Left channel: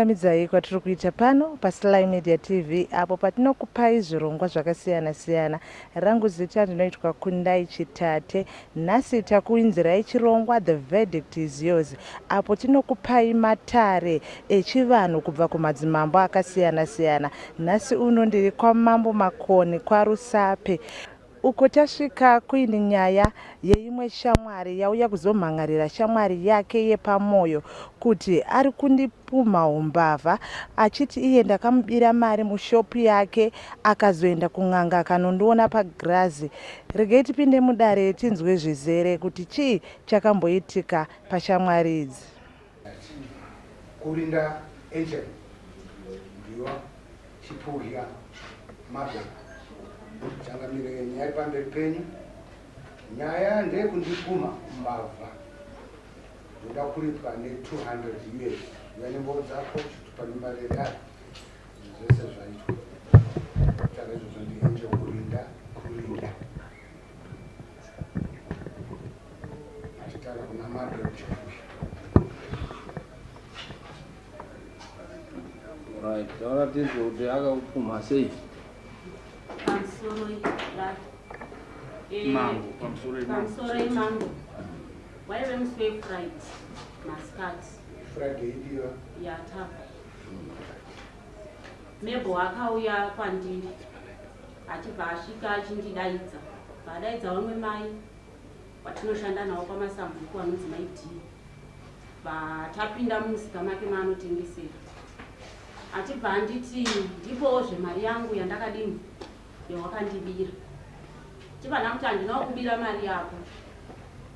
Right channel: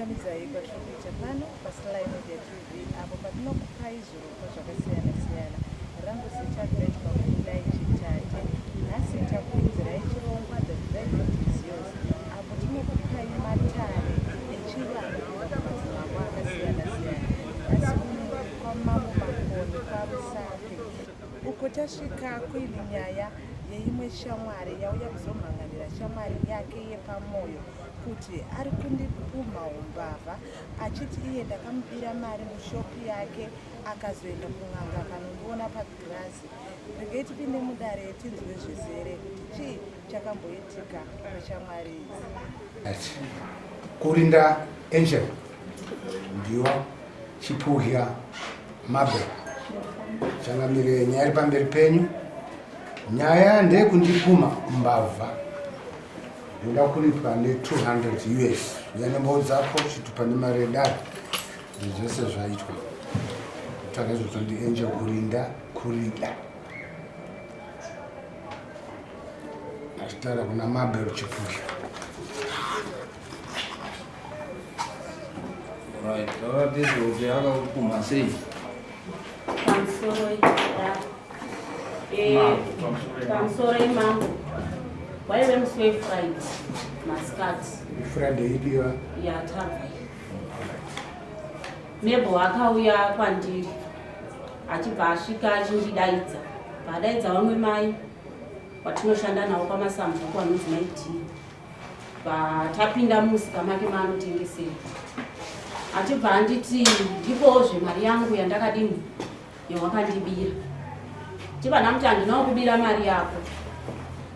kukungamidzai kwatiri kuita pano paSly Media TV apo patinokupai zvirongwa zvakasiyana-siyana. Rangu zita rinoitwa Kundai Chitate. Nhasi takuinzirai chirongwa The Verdict is Yours, apo tinokupai matare echivanhu kubva kumadzimambo akasiyana-siyana. Nhasi uno ndiri kwaMambo Makoni kwaRusape, uko tasvika kuine nyaya yeimwe shamwari yauya kuzomhangarira shamwari yake yepamoyo kuti ari kundipumha umbavha achiti iye ndakamubira mari mushopu yake akazoenda kun'anga akanondiona pagirazi. Regei tipinde mudare tinzwe zvizere kuti chii chakamboitika pashamwari idzi. Kurinda Angel ndiwa chipuhya Mabel changamire nyaya iri pamberi penyu. Nyaya ndeyekundipumha mbavha ndoda kuripwa ne$200 yanembo dzako chitupa nemari yedare zvese zvaitwa takazvozva ndiEngel kurinda achitaura kuna Mabel chipuhya. Right, this will be out of Kumasi. I'm sorry, Mom. Why when we fried mascat? Friday idiwa. Yeah, tavi. Nebo akauya kwandiri. Achibva asvika achindidaidza. Vadaidza vamwe mai watinoshanda navo pamasambuko vanonzi maiti. Vatapinda musika make maanotengesera. Achibva anditi ndipowo mari yangu yandakadini yawakandibira. Chibva kuti handinawo kubira mari yako.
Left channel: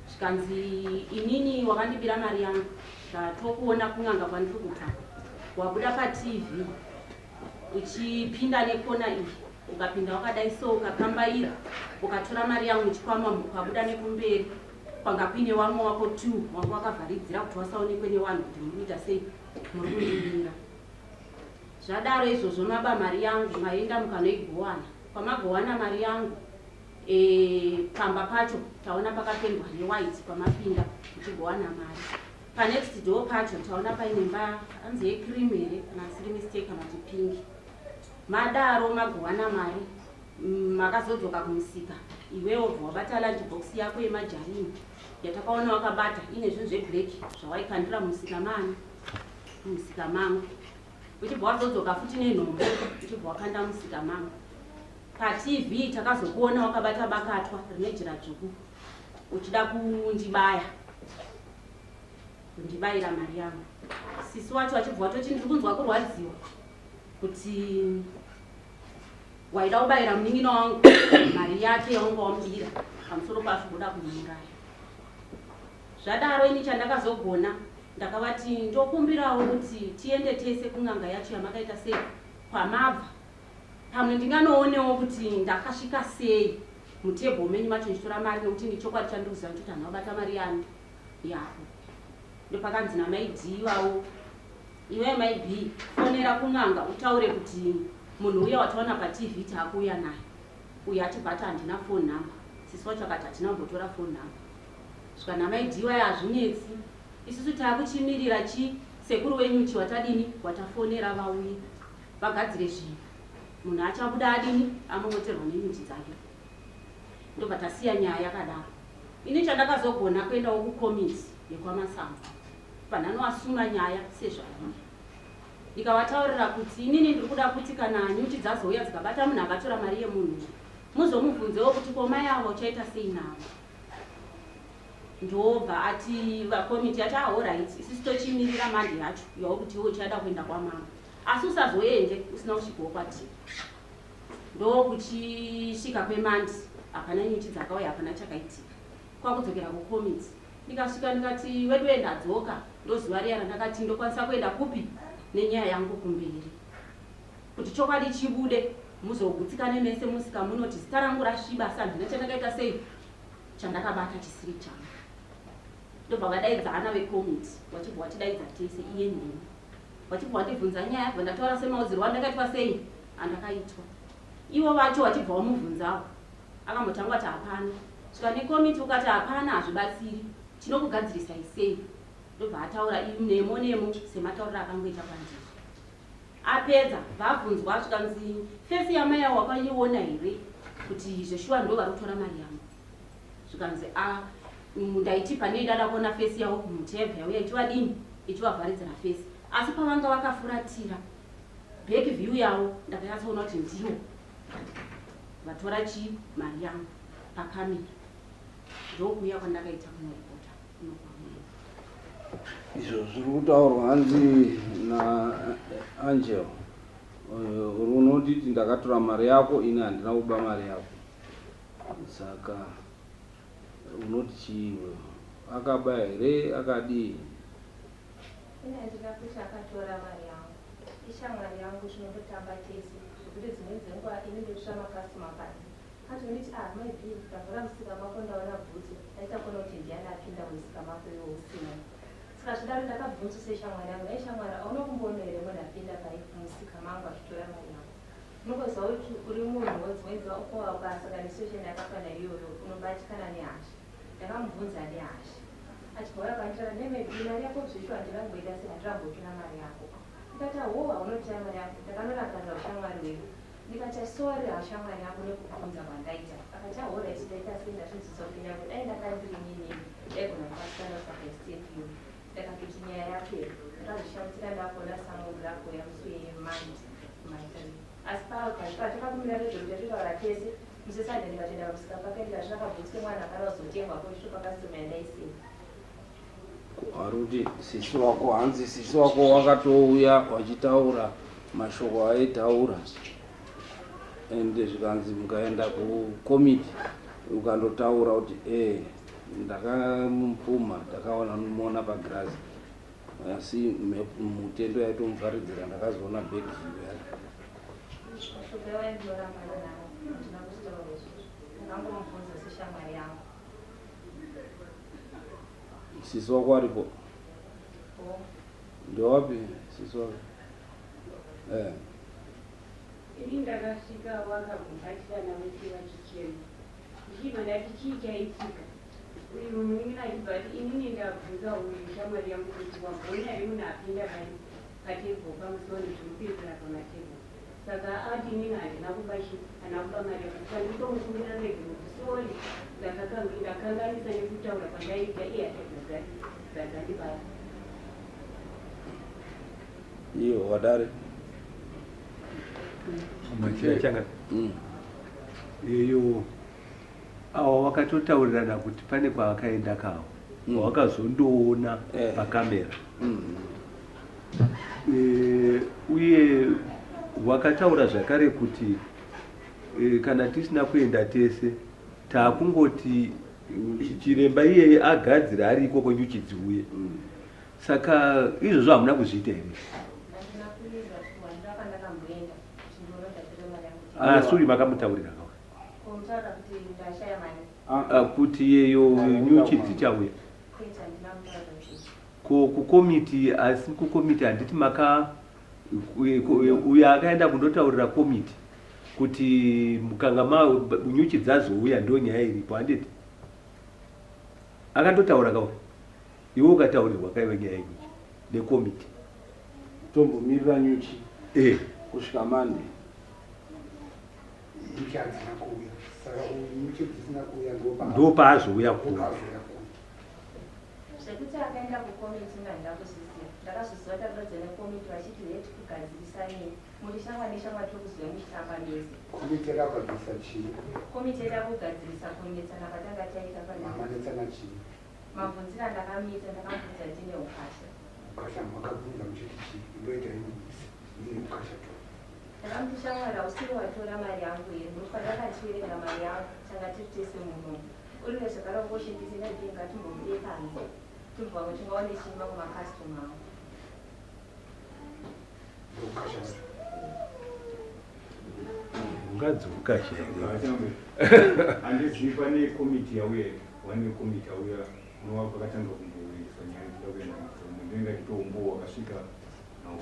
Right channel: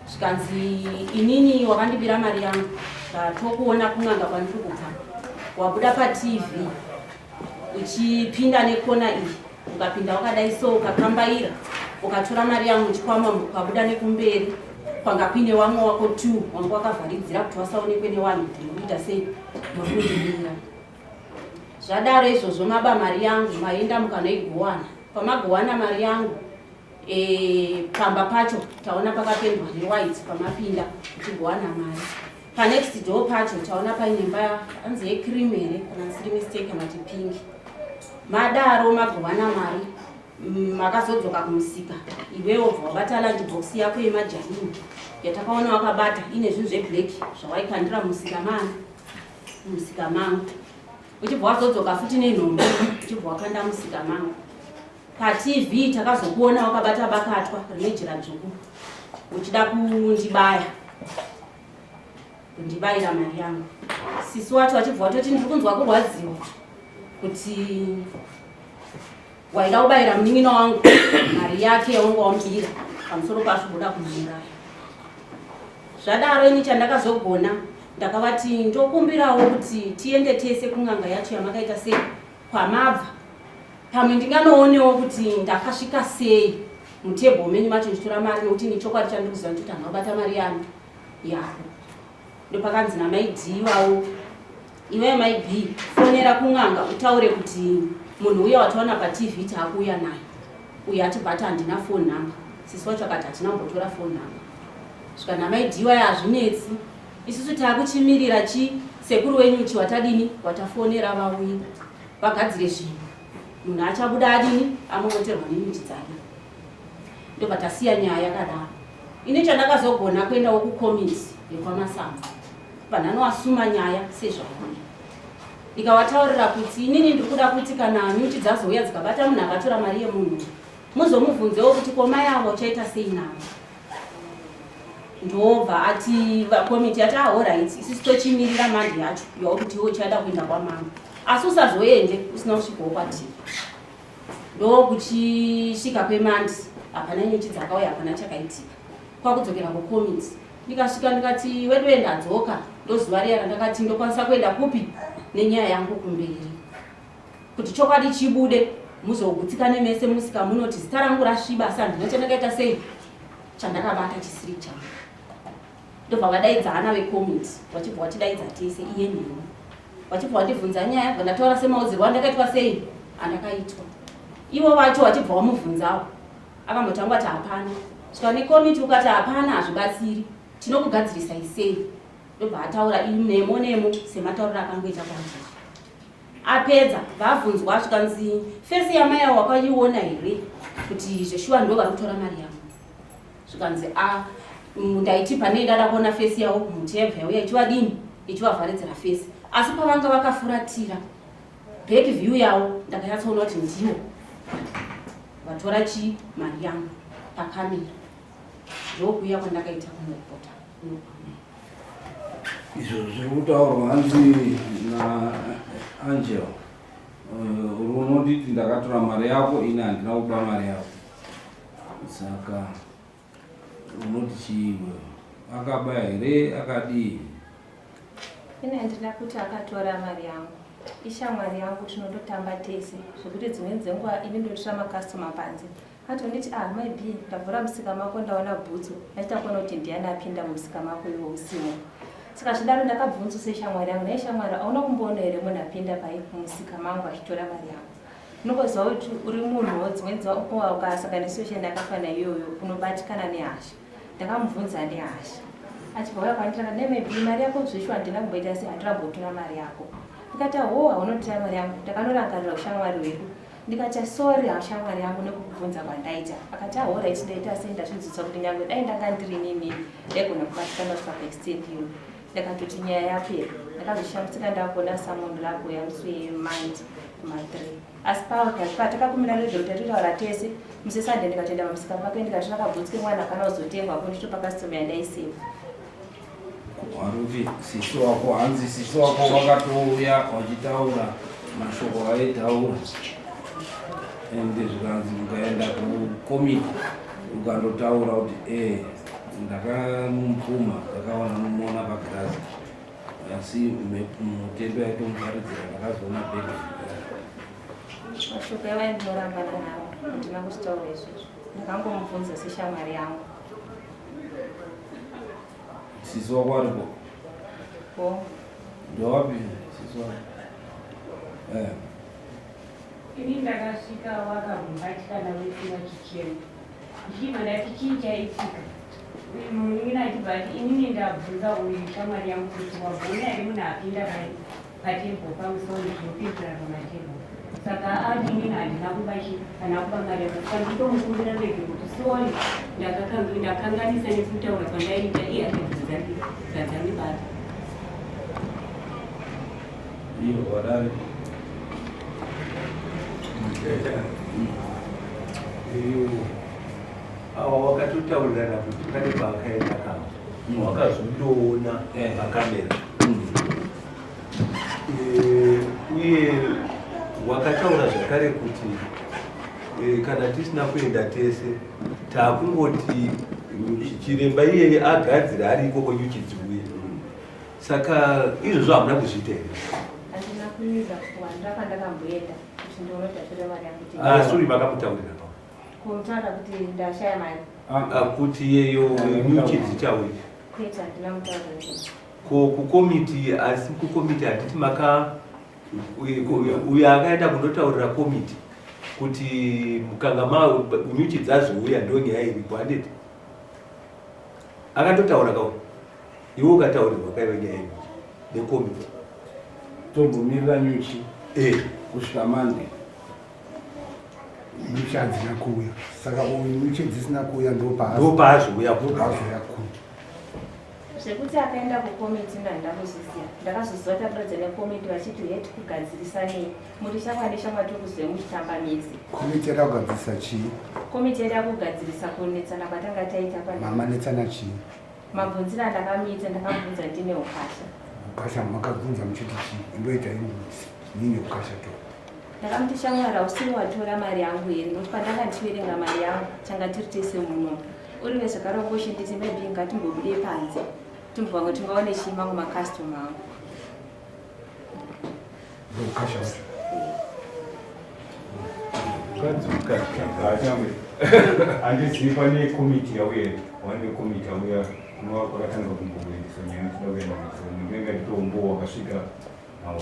Zvikanzi inini wakandibira mari yangu. Tokuona kun'anga kwandiri kubva. Wabuda paTV uchipinda nekona iyi. Ukapinda wakadai so ukakambaira. Ukatora mari yangu chikwama ukabuda nekumberi. Kwanga kuine wamwe wako 2 wanga wakavharidzira kuti wasaonekwe nevanhu kuti muita sei nokundibira. Zvadaro izvozvo maba mari yangu maenda mukanoigowana. Pamagowana mari yangu pamba pacho taona pakapendwa newhite pamapinda tigowana mari. Panext door pacho taona paine mba anzi yecream here kana siri mistake kana kuti pink. Madaro magowana mari makazodzoka kumusika. Iwewo wabata lunch box yako yemajarini yatakaona wakabata ine zvinhu zveblack zvawaikandira musika mangu. Uchibva wazodzoka futi nenhombo uchibva wakanda musika mangu. PaTV takazokuona wakabata bakatwa rine jira dzvuku uchida kundibayira mari yangu. Sisi wacho achibva watoti ndiri kunzwa kurwadziwa kuti waida kubayira munin'ina wangu mari yake yaunga wamubira pamusoro pazvoboda kumuraya. Zvadaro ini chandakazogona ndakavati ndokumbirawo kuti tiende tese kun'anga yacho yamakaita sei kwamabva. Pamwe ndinganoonewo kuti ndakasvika sei mutebho menyu macho ndichitora mari nekuti nichokwadi chandikuziva kuti handinobata mari yangu yako. Ndopakanzi namai D iwawo iwe mai B fonera kun'anga utaure kuti munhu uya wataona paTV taakuuya naye uye atibata handina phone number. Sisi wacho akati hatina kumbotora phone number. Svika namai D iwayo hazvinetsi. Isusu taakuchimirira sekuru wenyu watadini watafonera vauye vagadzire zvinhu. Munhu achabuda adini amomoterwa nenyuchi dzake. Ndobva tasiya nyaya yakadaro. Ini chandakazogona kuendawo kukomiti yekwamasambo. Panhanoasuma nyaya sezvakuya. Ndikavataurira kuti inini ndikuda kuti kana nyuchi dzazouya dzikabata munhu akatora mari yemunhu muzomubvunzewo kuti koma yavo chaita sei navo. Ndobva ati vakomiti ati alright isusu tochimirira mandi yacho yokuti iwe uchaida kuenda kwamambo. Asi usazoende usina kusvikawo kwaTV. Ndokuchisvika kwemandi hapana nyuchi dzakauya hapana chakaitika. Kwakudzokera kukomiti ndikasvika ndikati wedu ndadzoka ndozuva riya randakati ndokwanisa kuenda kupi nenyaya yangu kumberi kuti chokwadi chibude muzogutsikane mese musika munoti zita rangu rasviba asi handina chandakaita sei chandakabata chisiri changu. Ndobva vadaidzana vekomiti vachibva vatidaidza tese iye neni vachibva vandibvunza nyaya vandataura semaudzirwo andakaitwa sei andakaitwa. Ivo vacho vachibva vamubvunzawo akambotangwa kuti hapana. Svika nekomiti ukati hapana hazvibatsiri tinokugadzirisai sei. Ndobva ataura nemo sematauriro akangoita kwandiri. apedza vabvunzwa zvikanzi fesi yamai yavo wakaiona here kuti zveshuwa ndo vari kutora mari yangu zvikanzi ndaiti pane dada kuona fesi yavo mutevha yauya ichivadini ichivavharidzira fesi asi pavanga vakafuratira back view yavo ndakanyatsoona kuti ndivo vatora mari yangu pakamera ndokuuya kwandakaita kumaripota izvo zviri kutaurwa hanzi naAngel unoditi ndakatora mari yako ini handina kuba mari yako saka unoti chiwe akaba here akadii ine handina kuti akatora mari yangu ishamwari yangu tinondotamba tese zvokuti dzimweni dzenguva ini ndotora makastoma panze atonditi maybe ndavhura musika mako ndaona bhutsu achitakuona kuti ndiani apinda musika mako iwo usimo saka zvidaro ndakabvunzise shamwari yangu naishamwari auna kumboona here munhu apinda musika mangu achitora mari yangu unokoziva kuti uri munhuwo dzimweni dzenguva ukasangana nesituation yakafana iyoyo unobatikana nehasha ndakamubvunza nehasha achibva kwandira maybe mari yako zveshu handina kumboita sei handina kumbotora mari yako ndikati haunotora mari yangu ndakanorangarira ushamwari wedu ndikati sorry hashamwari yangu nekukubvunza kwandaita akati alright ndaita sei ndazvinzwisa kuti nyange dai ndanga ndiri nini ndaigona kubatikana kupaextend iyo ndakatoti nyaya yapera ndakazoshambutsika ndakuona samunhu lako yamuswemandi kuma3 asi patakakumira rezveutatotaura tese musesande ndikatoenda pamusika pake ndikati ndakabvunzike mwana kana uzotengwa ko nditopakastoma yandaiseva waruti sisi wako hanzi sisi wako wakatouya wachitaura mashoko aitaura ende zvikanzi mukaenda kukomiti ukandotaura kuti ndakamupfuma ndakaona nomuona pagirazi asi mutendo yaitomufaridzira ndakazoona bhegi mashoko evaindinorambana navo handina kuchitaura izvozvo ndakangomubvunza seshamwari yangu sisi wako aripo ndowapi sisi wako ini ndakasvika wakarumbatikana wese vachichema ndichibva ndati chii chaitika munhu achibva ati inini ndabvunza uyu shamwari yangu kuti wagona here munhu apinda patebho pamusoro zvinopinzira pamatebho saka ati inini handina kubashi kana kuba mari yako saka nditomukumbira rege kuti sori ndakanganisa nekutaura kwandaiita iye atibvunzake dzadzanibata iyo wadare iyo wakatotaurirana kuti pane paakaenda kavo wakazotoona pakamera uye wakataura zvakare kuti kana tisina kuenda tese taakungoti chiremba iyeye agadzira ari ikoko nyuchidziuye saka izvozvo hamuna kuzviita here handina kuiza kuwandira pandakamboenda kuti ndinotatora mari yangu asuri vakamutaurira pao kumutaura kuti ndashaya mari kuti iyeyo nyuchidzi chauye kwete handina mutaura kukomiti asi kukomiti handiti maka uyo akaenda kundotaurira komiti kuti mukanga nyuchi dzazouya ndo nyaya iripo handiti akandotaura kao iwe ukataurirwa kaive nyaya nyuchi nekomiti tombomirira nyuchi kusvika mande nyuchi hadzina kuuya saka uyu nyuchi dzisina kuuya ndopaazouya kuya zvekuti akaenda kukomiti ndandakuzviziva ndakazoziva takuredza nekomiti vachiti heti kugadzirisa nei muri shamwa neshamwa tokuzve muchitamba mese komiti yada kugadzirisa chii komiti yada kugadzirisa kunetsana kwatanga taita mamanetsana chii mabvunziro andakamuita ndakamubvunza ndine ukasha ukasha makabvunza muchiti chii indoita nini ukasha to ndakamuti shamwara usiri watora mari yangu here nokuti pandanga ndichiverenga mari yangu changa tiri tese muno uri nezvakare ungoshinditi maybe ngatimbobude panze timbovanga tingaone chii mangu makastoma angu ukasha andiziva nekomiti yauye wane komiti yauya kunova kwakatanga kumboendeswa nyaya kudakuenda mudenga nditombo wakasvika nawo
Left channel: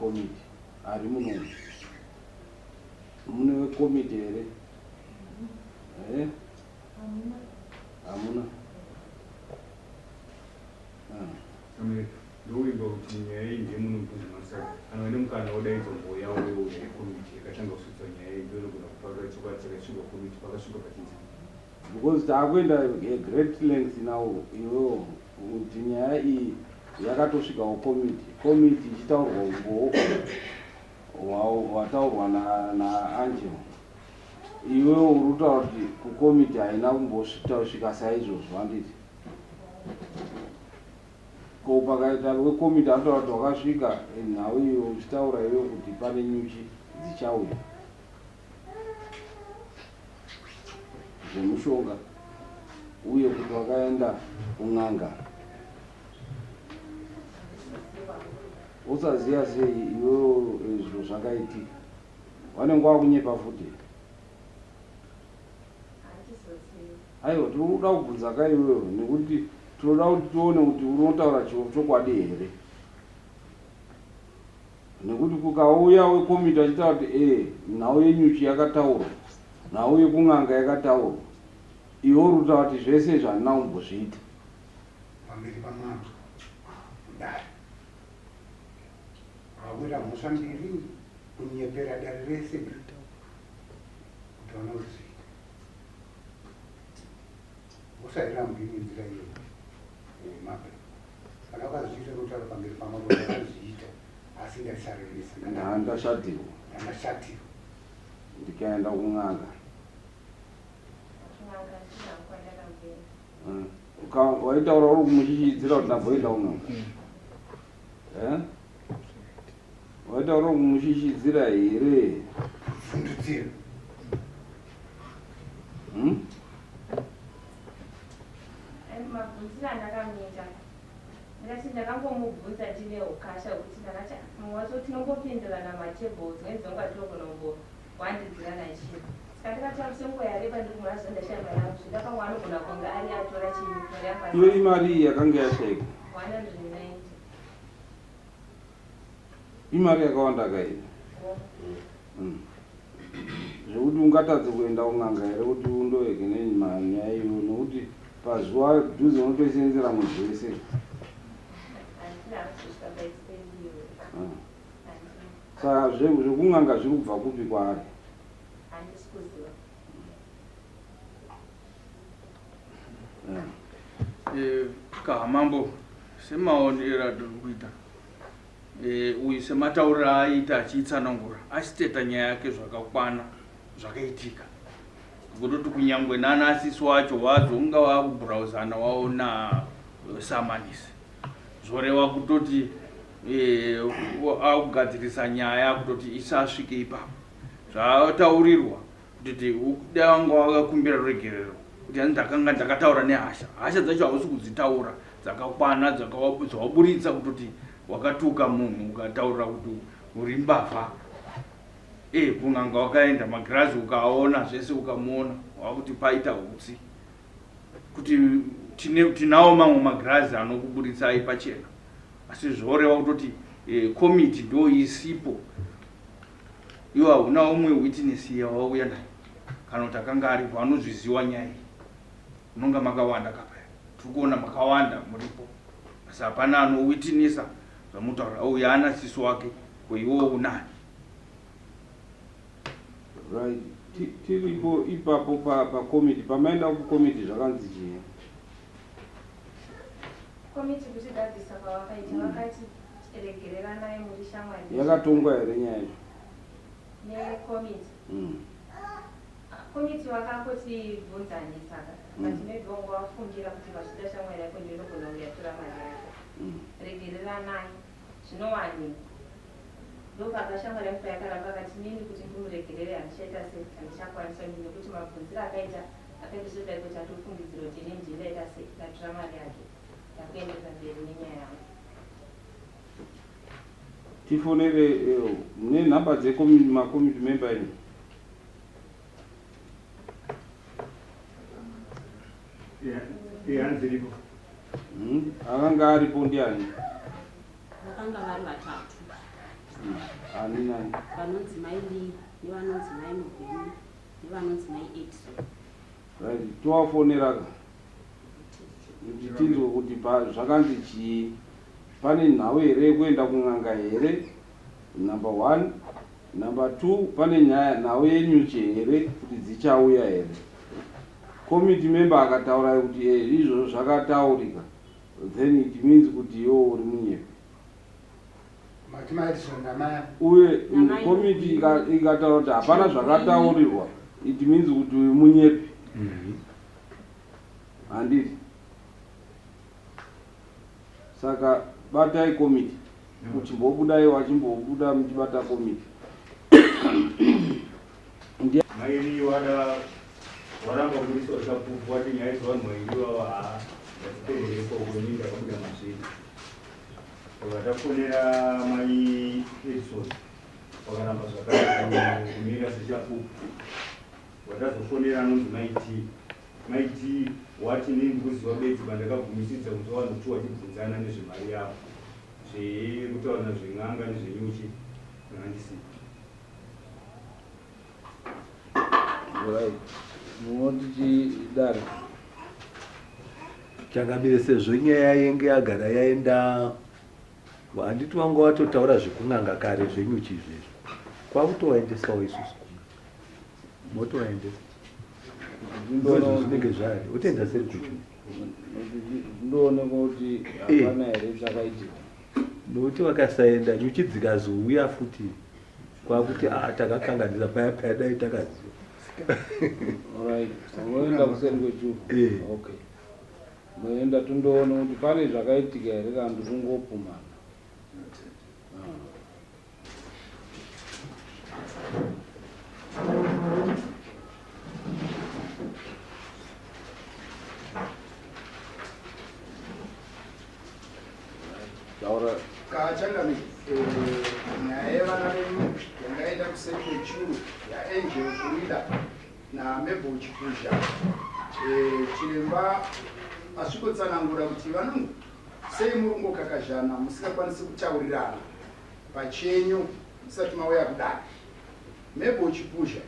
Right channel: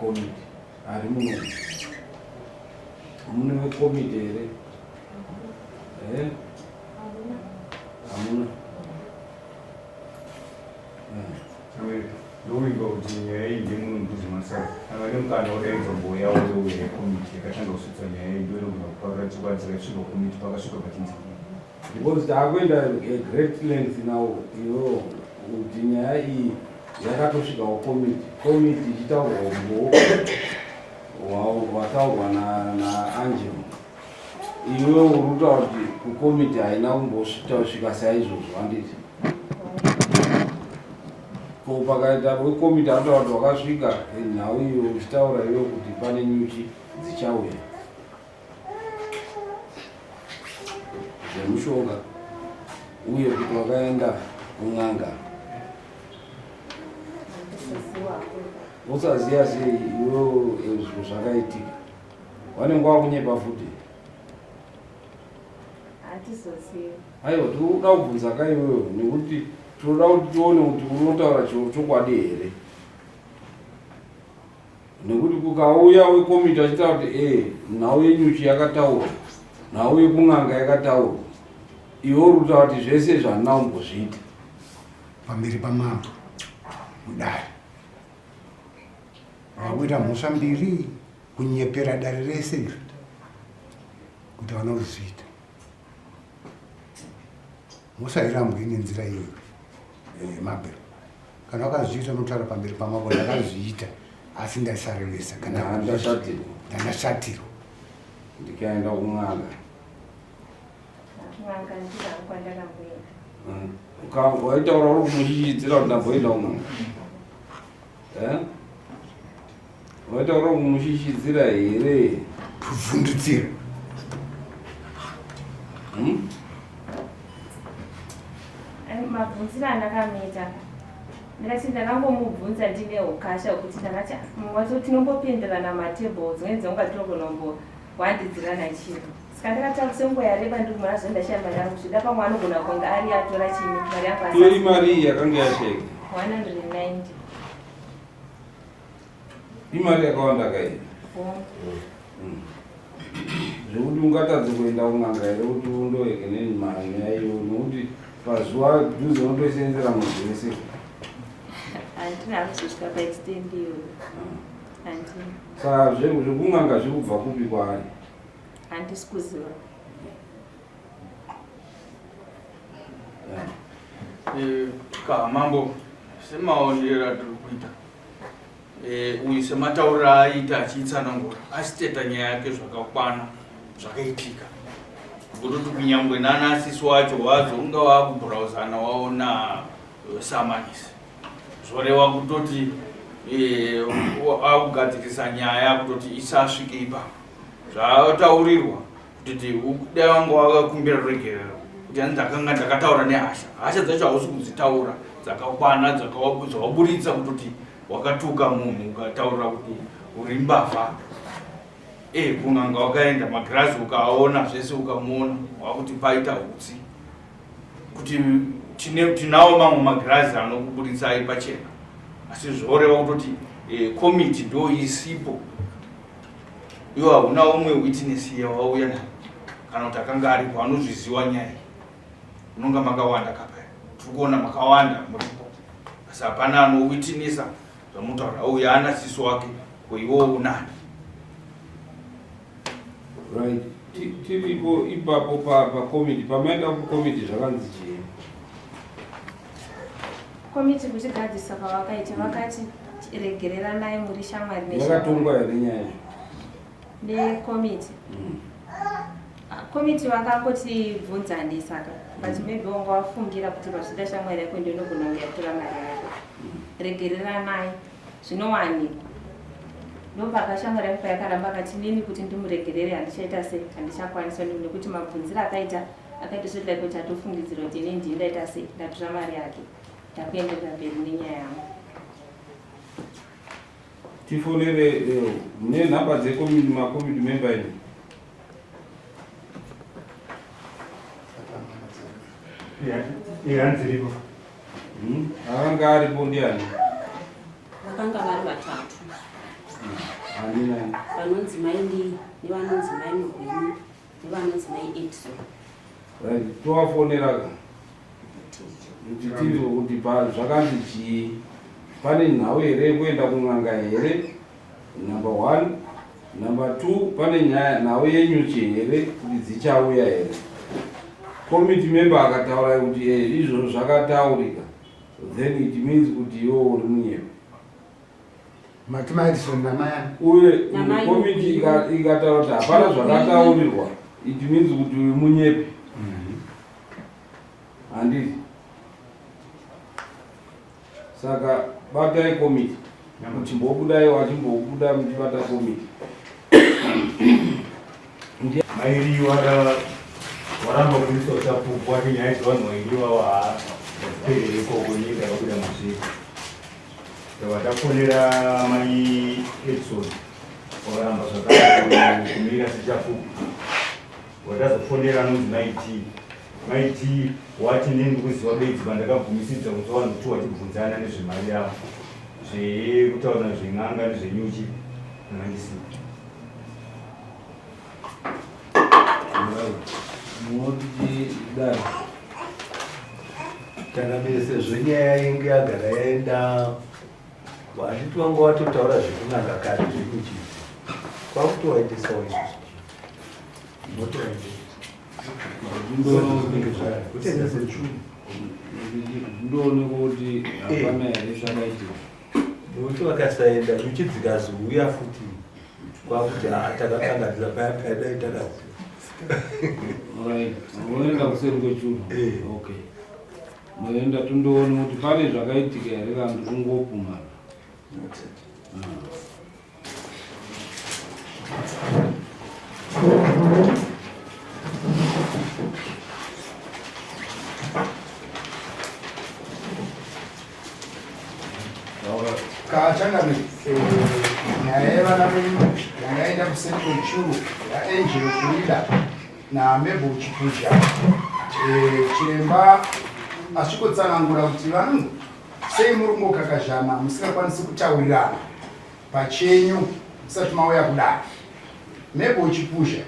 komiti ari muno mune komiti here hamuna ndoimba kuti nyaya iyi ndimunhu mbuzi masara amene mukana udaidzo dzakasvika komiti pakasvika pachinzi because taakuenda great length now iwewo kuti nyaya iyi yakatosvikawo komiti ichitaurwa umbo hwataurwa naangelo. Iwewo uri kutaura kuti kukomiti haina kumbosvika saizvozvo handiti ko pakaita wekomiti anotaura kuti wakasvika nhau iyo uchitaura iwewo kuti pane nyuchi dzichauya zvemushonga uye kuti wakaenda kun'anga usaziya sei iwewo izvo zvakaitika wanenge wakunyepa futi aiwa tikuda kubvunza kaiwewo nekuti tinoda kuti tione kuti unotaura chiro chokwadi here nekuti kukauya wekomiti achitaura kuti nhau yenyuchi yakataurwa nhau yekun'anga yakataurwa iwe uri kutaura kuti zvese zvandina kumbozviita pamberi pamambo mudare wakuita mhosva mbiri kunyepera dare rese iri kuti hauna kuzviita musairambi nenzira iyo mabhero kana wakazviita unotaura pamberi pamambo ndakazviita asi ndasarevesa kana ndandashatirwa ndikaenda kun'anga waitaura uri kumushishidzira kuti ndamboenda kun'anga waitaura kumushishidzira here kuvhundutsira mabvunziro andakamuita ndikati ndakangomubvunza ndine ukasha kuti ndakati wacho tinongopenderana matebhles dzimweni dzenguva tinogonombo wandidzirana chiro saka ndakati senguva yareba ndikumara zvendashaya mari yangu zvida pamwe anogona kunge ari atora chini mari yangu iyo imari yakanga yasheka 190 imari yakawanda kai zvekuti ungatadze kuenda kun'anga here kuti undoeke nenyaya iyo nekuti pazuva dhuze unotoisenzera muzvese handina kuzosvika paextend iyo handina saka zvekun'anga zviri kubva kupi kwaari handisi kuziva kamambo semaonero atiri kuita uyu sematauriro aaita achiitsanangura achiteta nyaya yake zvakakwana zvakaitika kutoti kunyangwe nanasisi wacho wazonga wakubhurauzana waona samanisi zvoreva kutoti akugadzirisa nyaya kutoti isasvike ipapo zvataurirwa kutoti dai wanga wakakumbira ruregerero kuti ani ndakanga ndakataura nehasha dzacho hausi kudzitaura dzakakwana dzakaburitsa kutoti wakatuka munhu ukataurira kuti uri mbavha kun'anga wakaenda magirazi ukaona zvese ukamuona wakuti paita utsi kuti tinawo mamwe magirazi anokuburitsai pachena asi zvoreva kutoti komiti ndo isipo iwo hauna umwe witness yawauya nayo kana kuti akanga aripo anozviziva nyaya munonga makawanda kapaya tiri kuona makawanda muripo asi hapana anowitnessa zvamutaura uyu ana sisi wake kweiwo unani right tiripo ipapo pakomiti pamaenda kukomiti zvakanzi chii komiti kuchigadzisa pavakaita vakati regereranai muri shamwari yakatongwa here nyaya nekomiti komiti vakangotivhunzani saka but maybe wanga wafungira kuti pazvida shamwari yako ndinogona uyatora mari yako regereranai zvinowanikwa ndopaka shamwari yangu payakaramba akati nini kuti ndimuregerere handichaita sei handichakwanisa nekuti mabvunziro akaita zvekudai kuti atofungidzira kuti ini ndindaita sei ndatora mari yake ndakuendera mberi nenyaya yangu tifonere mune nhamba dzemakomiti memba ino ihanziripo akanga aripo ndiani vakanga vari vatatu hanina vanonzi maindi nevanonzi maimugwini nevanonzi maiedison right towafonera kuti tizwe kuti zvakanzi chii pane nhau here kuenda kun'anga here number 1 Number 2, pane nyaya nawe yenyuchi here kuti dzichauya here. Committee member akataura kuti izvo zvakataurika, then it means kuti iwo uri munyepe. Mathematics namayana. Uye committee ikataura kuti hapana zvakataurirwa, it means kuti uri munyepe. Handiti. Saka batai committee. Kuti mbokudai wachimbobuda muchibata committee. Mairi waramba kuiswa chapupu wati nyaya dzavanhu vairiwa vaperereko kunyika vakuda mazviri. Vatafonera mai Edson wakaramba zvakare kumira sechapupu. Watazofonera anonzi maiti wati ndini kuziva bedzi pandakabvumisidza kuti vanhu vachibvunzana nezvemari yavo zvekutaura zven'anga nezvenyuchi nandisi. Munodidari kana bese zvenyaya yenge yagara yaenda handiti wanga watotaura zvekunanga kare zvenyuchi kwakutowaendesawo isusu motowaende utenda ndooneka kuti hapana here zvakaitika nokuti vakasaenda nyuchi dzikazouya futi kwakuti takakanganisa paya dai takaziva. Alright, moenda kuseri kwechuru. Okay. Moenda tondoona kuti pane zvakaitika here kana kuti kungopuma. Kachanga nyaya yevana venyu yangaenda kuseri kwechuru yaangel Frida naMabel Chipusha. Chiremba asvikotsanangura kuti vanhu sei muri mokakazhana musingakwanisi kutaurirana pachenyu musati mauya kudai. Mabel Chipusha,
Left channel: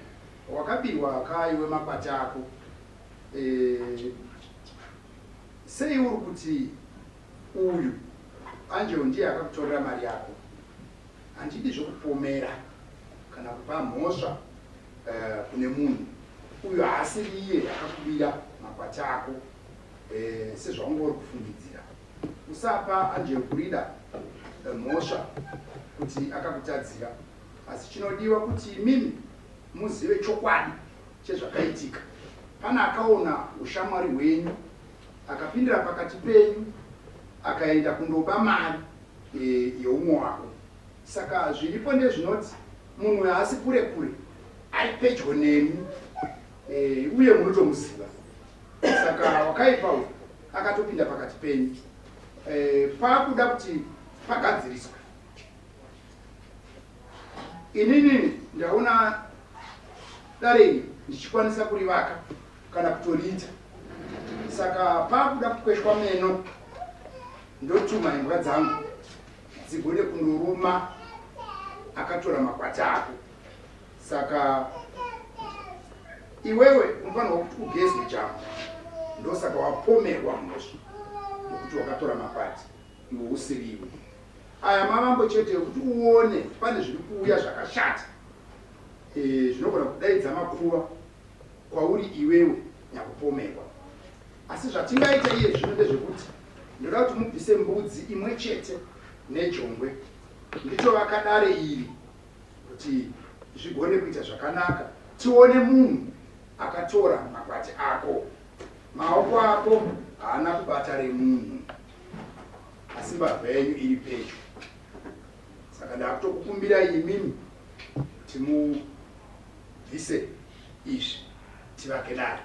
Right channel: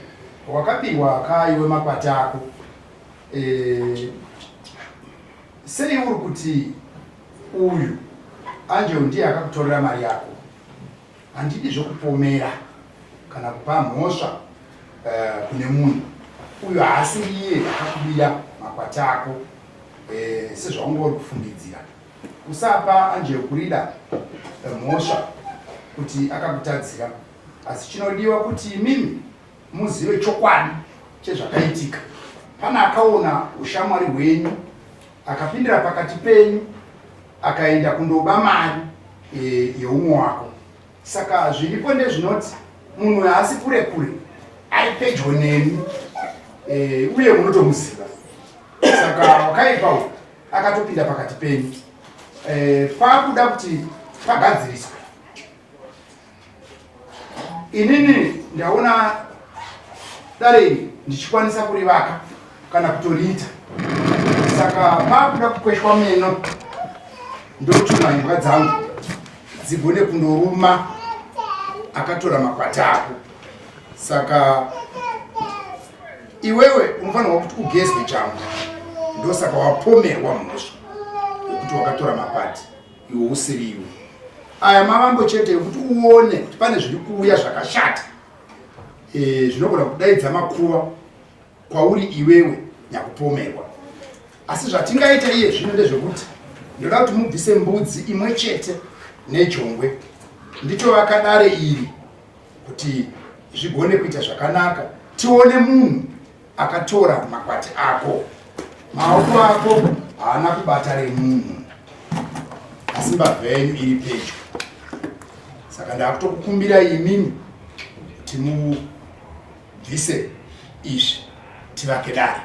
wakabiwa akaiwe makwati ako, sei uri kuti uyu Angel ndiye akakutorera mari yako? Handidi zvokupomera kana kupa mhosva kune munhu. Uyu haasi iye akakubira makwati ako sezvaungori kufungidzira. Usapa Angel Frida mhosva kuti akakutadzira, asi chinodiwa kuti imimi muzive chokwadi chezvakaitika. Pana akaona ushamwari hwenyu akapindira pakati penyu akaenda kundoba mari yeumwe wako. Saka zviripo ndezvinoti munhu haasi kure kure, ari pedyo nemi uye munotomuziva. Saka wakaipa uyu akatopinda pakati penyu. Pakuda kuti pagadziriswe. Inini ndaona dare iri ndichikwanisa kurivaka kana kutoriita. Saka pakuda kukweshwa meno ndotuma imba dzangu dzigone kundoruma akatora makwati ako. Saka iwewe unofanirwa kuti ugezwe changu. Ndosaka wapomerwa mhosva yekuti wakatora makwati iwe usiri iwe. Aya mavambo chete yekuti uone kuti pane zviri kuuya zvakashata zvinogona kudaidza makuva kwauri iwewe nyakupomerwa. Asi zvatingaita iye zvino ndezvekuti ndoda kuti mubvise mbudzi imwe chete nejongwe. Nditovaka dare iri kuti zvigone kuita zvakanaka. Tione munhu akatora makwati ako. Maoko ako haana kubata remunhu, asi mbavha yenyu iri pedyo. Saka ndakutokukumbira imimi kuti mubvise izvi tivake dare.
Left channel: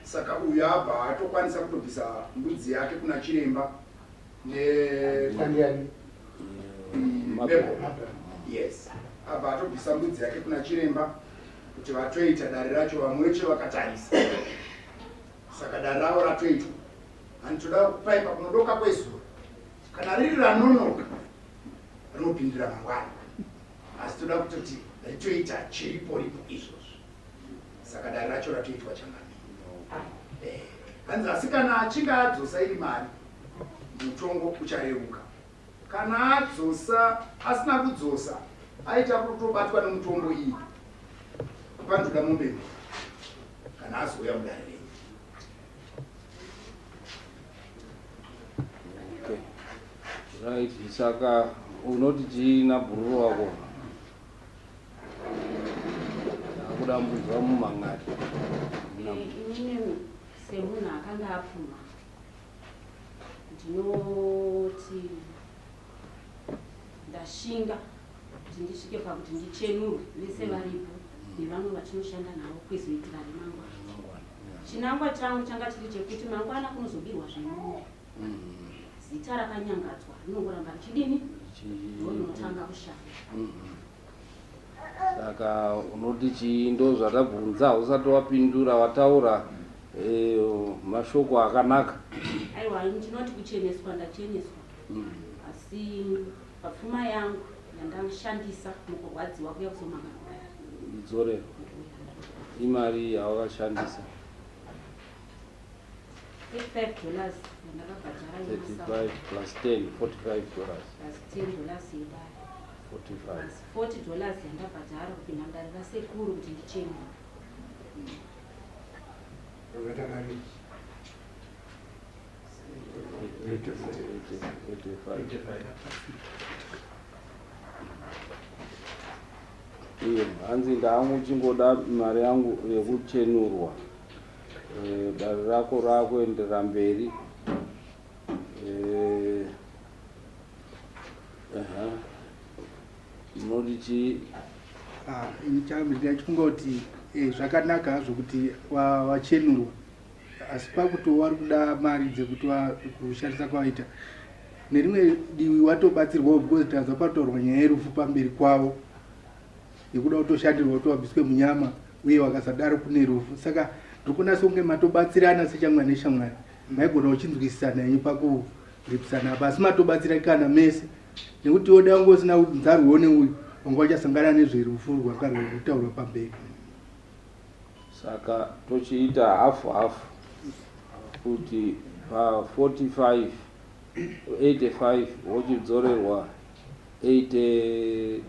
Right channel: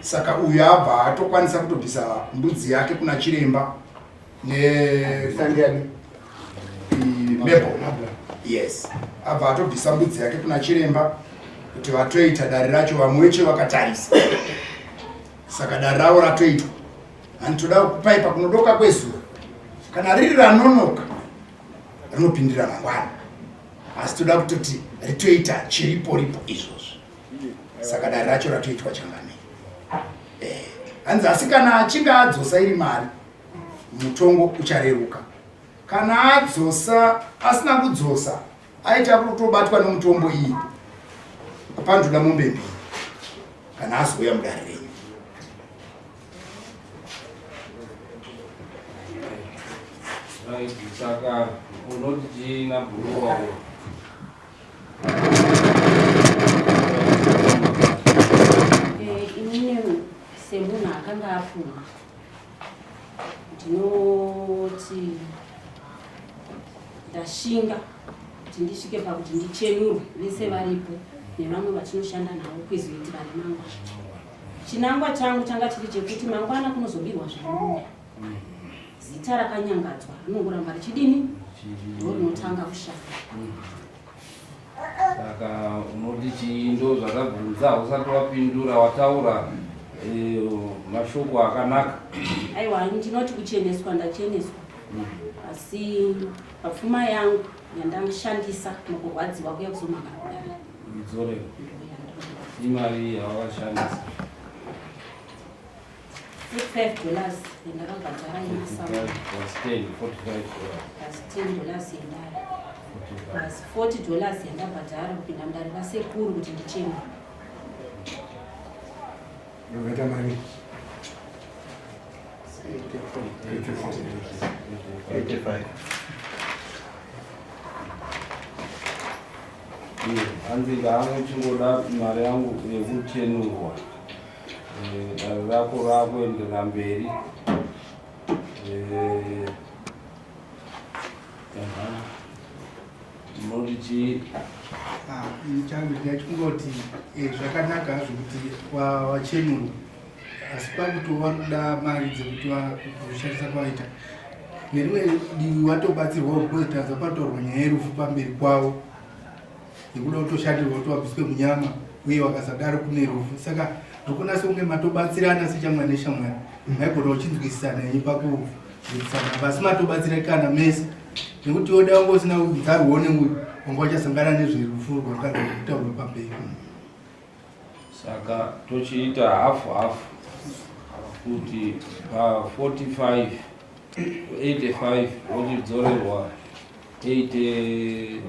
Saka uyu abva atokwanisa kutobvisa mbudzi yake kuna chiremba nesandiani Mabel. Yes, abva atobvisa mbudzi yake kuna chiremba kuti vatoita dare racho vamwe vecho vakatarisa. Saka dare ravo ratoitwa. Handitoda kupaipa kunodoka kwezuva. Kana riri ranonoka rinopindira mangwana. Asi toda kutoti ritoita chiripo ripo izvozvo. Saka dare racho ratoitwa changani. Hanzi asi kana achinge adzosa iri mari mutongo uchareruka. Kana adzosa asina kudzosa aita kutobatwa nemutombo iyi pandoda mombe mbiri kana azoya mudare renyu. Right, saka unoti china bhuru wako inini semunhu akanga apfuma ndinoti ndashinga kuti ndisvike pakuti ndichenurwe vese varipo nevamwe vatinoshanda navo kuizoitira remangwana. Chinangwa changu changa chiri chekuti mangwana kunozobirwa zvinonga zita rakanyangadzwa rinongoramba richidini ndo rinotanga kushanda. saka unoti chiindo zvakabvunza usati wapindura wataura mashoko akanaka. Aiwa ndinoti kucheneswa ndacheneswa asi papfuma yangu yandashandisa mukurwadziwa kuya kusomaka kudare idzorero imari yawakashandisa $45 yandakabhadhara yemasamba plus 10 $45 plus $10 yendare plus $40 yandabhadhara kupinda mudare rasekuru kuti ndichemwe. Unoita mari 85. hanzi ndangu chingoda mari yangu yekuchenurwa dare rako rakuendera mberi. Unoti chii? changu ndachingoti zvakanaka zvokuti wachenurwa asi pakutova kuda mari dzekuti kushandisa kwaita nerimwe divi watobatsirwa kuzotanza pataurwa nyaya yerufu pamberi kwavo nekuda kutoshandirwa kutowabviswe munyama uye wakasadaro kune rufu. Saka ndokunasa kunge matobatsirana sechamwari neshamwari maigona uchinzwisisana pakudzidzisana basi matobatsirakana mese nekuti woda wange usina nzarwo neuyu wanga wachasangana nezverufu rwanga rwakutaurwa pamberi. Saka tochiita hafu hafu kuti pa 85 wochidzorerwa 40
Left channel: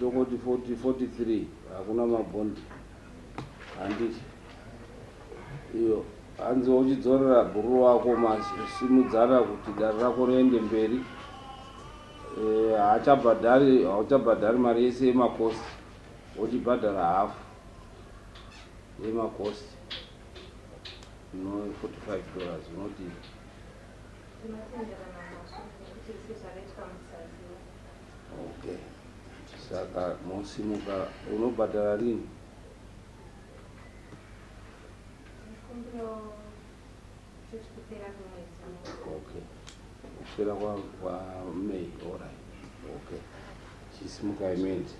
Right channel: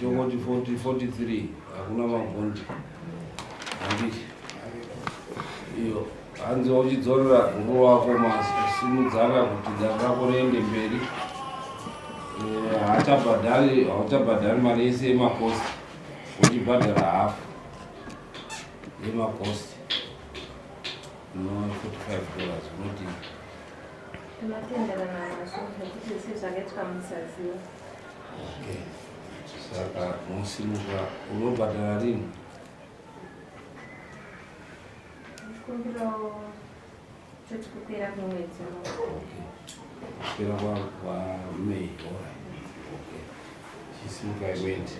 tongoti 43 hakuna mabondi handiti iyo hanzi wachidzorera bhuru wako masimudzana kuti dare rako riende mberi. Hautabhadhari mari yese yemakosti uchibhadhara hafu yemakosti $45 unoti tinotenderana nazvo nekuti sezvakaitwa musaziva. okay. Saka musimuka unobhadhara rini? Kumbiro chechikupera kumwedzi. Okay. Kupera kwaMei. Okay. Chisimuka imende.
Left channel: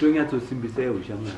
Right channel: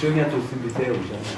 Chonyatosimbisa ushamba.